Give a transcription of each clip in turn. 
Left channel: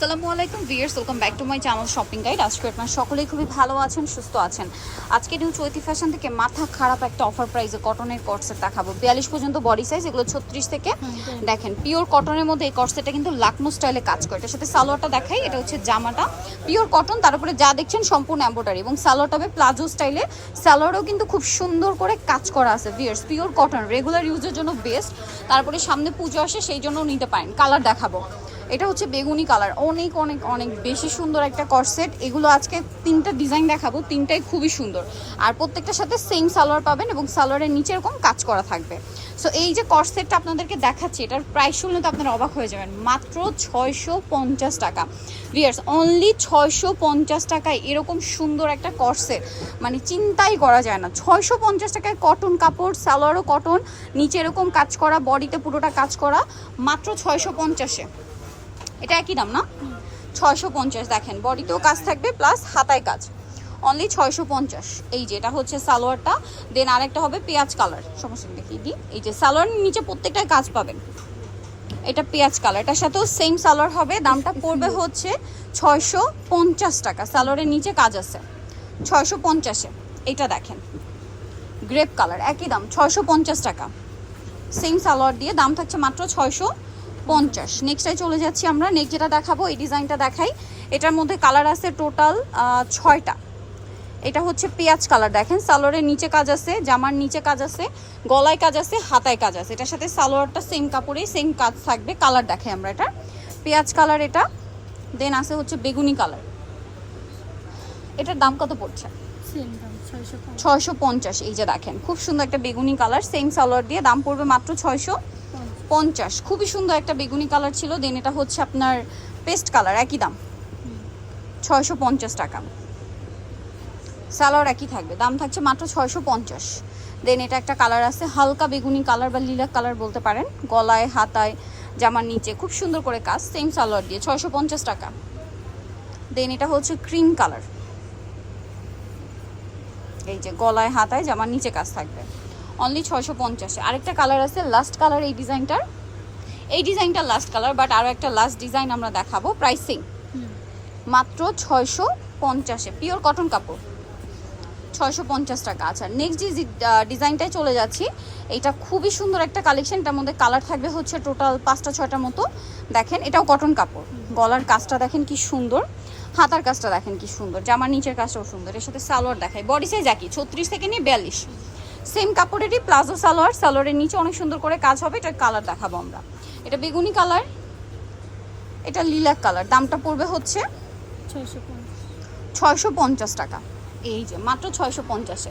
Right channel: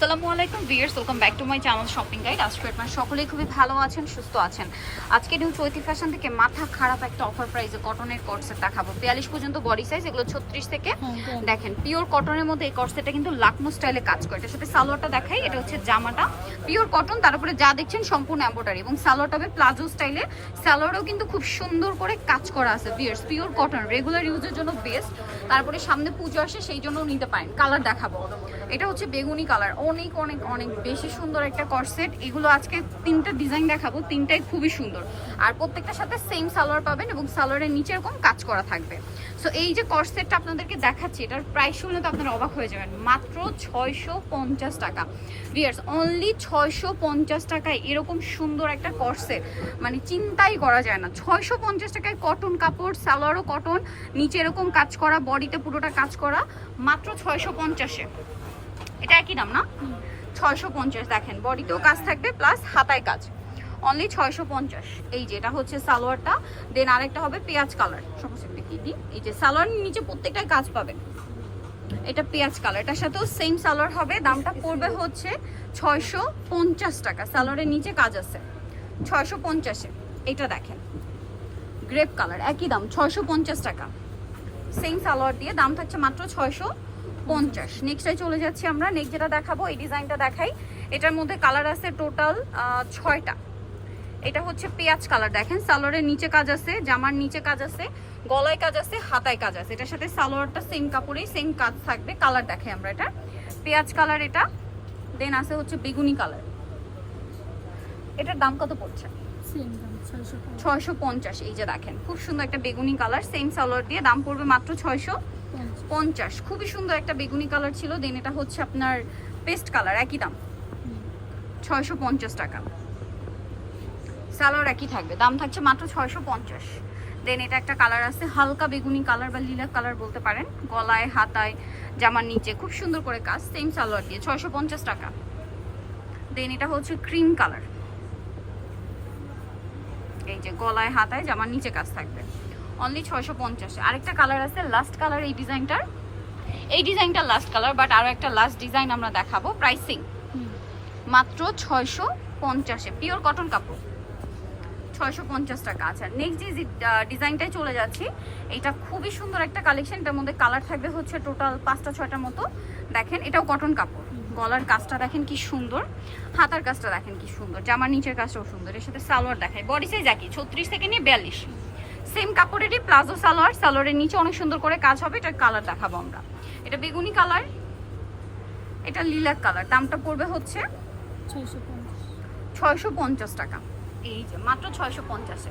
আসসালামু আলাইকুম viewers welcome back to my channel shopping guide. আজকে আপনার সকলেই খুবই ভালো আছেন সুস্থ আছেন। আজকে নিউ চৈতি ফ্যাশন থেকে মাথা খারাপ একটা অফার প্রাইসে কটনের কটসেট দেখাবো। বিয়াল্লিশ পর্যন্ত বডি সাইজ এগুলো ছত্রিশ থেকে দেখেন পিওর কটনের মধ্যে এই কটসেটটা কিন্তু লাকনো স্টাইলে কাজ করে। এটার সাথে সালোয়ারটা দেখাই এটা হচ্ছে জামাটা। পিওর কটন তার উপরে যা দেখছেন সম্পূর্ণ এম্বোটারি এবং সালোয়ারটা হবে প্লাজো স্টাইলে সালোয়ারও কিন্তু খুব সুন্দর করে কাজ করা আছে ভিয়ার্স পিওর কটন রেগুলার ইউজের জন্য বেস্ট তারপরে সামনে পুজো আসে সেই জন্য নিতে পারেন কালার দেখাবো। এটা হচ্ছে বেগুনি কালার। অনেক অনেক অনেক বেশি সুন্দর একটা করসেট এগুলো আজকে তিনটা ডিজাইন দেখাবো, তিনটাই খুবই সুন্দর। আর প্রত্যেকটার সাথে সেম সালোয়ার পাবেন এবং সালোয়ারের নিচে এরকম কাজ করা থাকবে। সো এই যে করসেটটা আপনাদেরকে দেখাচ্ছি, এটার প্রাইস শুনলে তো আপনারা অবাক হয়ে যাবেন। মাত্র ছয়শো পঞ্চাশ টাকা। ভিয়ার্স অনলি ছয়শো পঞ্চাশ টাকায় এরকম সুন্দর একটা করসেট মানে চিন্তাই করা যায় না। ছয়শো পঞ্চাশ টাকায় কটন কাপড়, সালোয়ারও কটন নিচে এরকম কাজ করা বডিতে পুরোটা কাজ করা, মাত্র ছয়শো পঞ্চাশে। এটা একই দাম, না? ছয়শো পঞ্চাশ দেখেন বডিতেও কাজ থাকবে প্লাস হাতায় কাজ। অনলি ছয়শো পঞ্চাশ। এই যে, এটা হচ্ছে সালোয়ারটা দেন আরেকটা হবে পেঁয়াজ কালার সমস্যা দেখিয়ে দিই। এই যে, সালোয়ার নিচে প্রত্যেকটাই কাজ পাবেন। এটা পেঁয়াজ কালারটার সাথেও সেম সালোয়ার হবে, দামটা পড়বে হচ্ছে ছয়শো পঞ্চাশ টাকা। সালোয়ারের নিচে কাজ আছে। ছয়শো পঞ্চাশে এটা দেখেন গ্রেপ কালার একই দাম, ছয়শো পঞ্চাশ টাকা। সেম সালোয়ার দিয়ে দাম থাকছে মাত্র ছয়শো পঞ্চাশ। নেক্সটে চলে যাচ্ছি আমরা। নেক্সট যেটা দেখাবো, এই ডিজাইনটা দেখাই। এটার মধ্যে কালার আছে টোটাল ছয়টা। এটা হচ্ছে পেঁয়াজ কালার দেখেন, সালোয়ারের নিচে কাজ আছে, জামার নিচে কাজ আছে, গলায় কাজ আছে, হাতায় কাজ আছে। এটার সাথে সালোয়ারটা সেম কাপড়েই সেম কাজ থাকবে। কালার দেখাই আমরা এটা। পেঁয়াজ কালার এটা। দেন আছে হচ্ছে বেগুনি কালার এটার দাম কত পড়ছে? ছয়শো পঞ্চাশ। এই যে দেখেন খুব সুন্দর একটা বেগুনি কালার সেম সালোয়ার দিয়ে দাম পড়বে মাত্র ছয়শো পঞ্চাশ। খুবই সুন্দর একটা বেগুনি কালার ছিল দেন এটা হচ্ছে আপনার পেস্ট কালার একই দাম। ছয়শো পঞ্চাশ টাকা। সালোয়ার একই থাকবে দাম থাকছে মাত্র ছয়শো পঞ্চাশ। দেন এটা একটা কালার আছে হালকা বেগুনি কালার বা লিলাক কালার বলতে পারেন গলায় হাতায় জামার নিচে খুব সুন্দর করে কাজ সেম সালোয়ার দিয়ে ছয়শো পঞ্চাশ টাকা। দেন এটা হচ্ছে ক্রিম কালার এই যে গলায় হাতায় জামার নিচে কাজ থাকবে। অনলি ছয়শো পঞ্চাশে। আরেকটা কালার আছে লাস্ট কালার এই ডিজাইনটার এই ডিজাইনটা লাস্ট কালার বাট আরও একটা লাস্ট ডিজাইন আমরা দেখাবো প্রাইসিং মাত্র ছয়শো পঞ্চাশে পিওর কটন কাপড়। ছয়শো পঞ্চাশ টাকা আচ্ছা নেক্সট যে ডিজাইনটায় চলে যাচ্ছি এটা খুবই সুন্দর একটা কালেকশন এটার মধ্যে কালার থাকবে হচ্ছে টোটাল পাঁচটা ছয়টার মতো। দেখেন এটাও কটন কাপড়। গলার কাজটা দেখেন কি সুন্দর হাতার কাজটা দেখেন কি সুন্দর জামার নিচের কাজটাও সুন্দর এর সাথে সালোয়ার দেখাই। বডি সাইজ একই ছত্রিশ থেকে নিয়ে বিয়াল্লিশ। সেম কাপড়েরই প্লাজো সালোয়ার সালোয়ারের নিচে অনেক সুন্দর করে কাজ হবে এটার কালার দেখাবো আমরা। এটা বেগুনি কালার এটা লিলাক কালার দামটা পড়বে হচ্ছে ছয়শো পঞ্চাশ টাকা। এই যে, মাত্র ছয়শো পঞ্চাশে।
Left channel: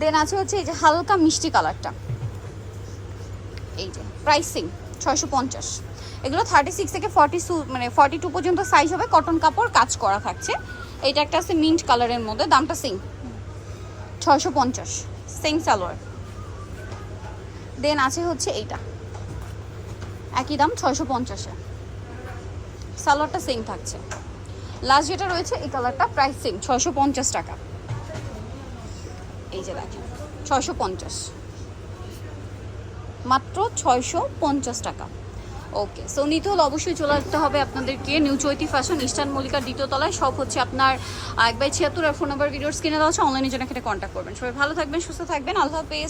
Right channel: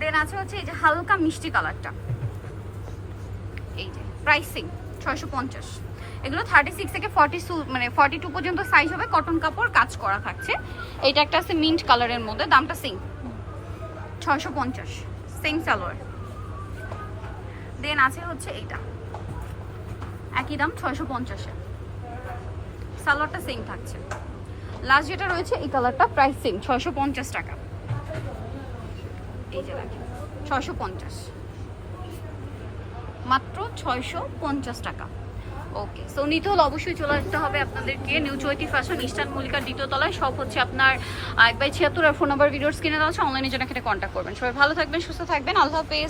দেন আছে হচ্ছে এই যে হালকা মিষ্টি কালারটা। এই যে প্রাইসিং ছয়শো পঞ্চাশ। এগুলো থার্টি সিক্স থেকে ফর্টি মানে ফর্টি টু পর্যন্ত সাইজ হবে কটন কাপড়, কাজ করা থাকছে। এইটা একটা আছে মিন্ট কালারের মধ্যে, দামটা সিং ছয়শো পঞ্চাশ সেম সালোয়ার দেন আছে হচ্ছে এইটা। একই দাম, ছয়শো পঞ্চাশে। সালোয়ারটা সেম থাকছে। লাস্ট যেটা রয়েছে, এই কালারটা প্রাইস সেম ছয়শো পঞ্চাশ টাকা। এই যে ছয়শো পঞ্চাশ। মাত্র ছয়শো পঞ্চাশ টাকা। ওকে সো নিতে হলে অবশ্যই চলে আসতে হবে আপনাদেরকে। নিউ চৈতি ফ্যাশন ইস্টার্ন মল্লিকার দ্বিতীয় তলায়। সব হচ্ছে আপনার এক বাই ছিয়াত্তর আর ফোন নাম্বার ভিডিওস কিনে দেওয়া হচ্ছে অনলাইনে জন্য এখানে কন্ট্যাক্ট করবেন। সবাই ভালো থাকবেন, সুস্থ থাকবেন। আল্লাহ হাফেজ।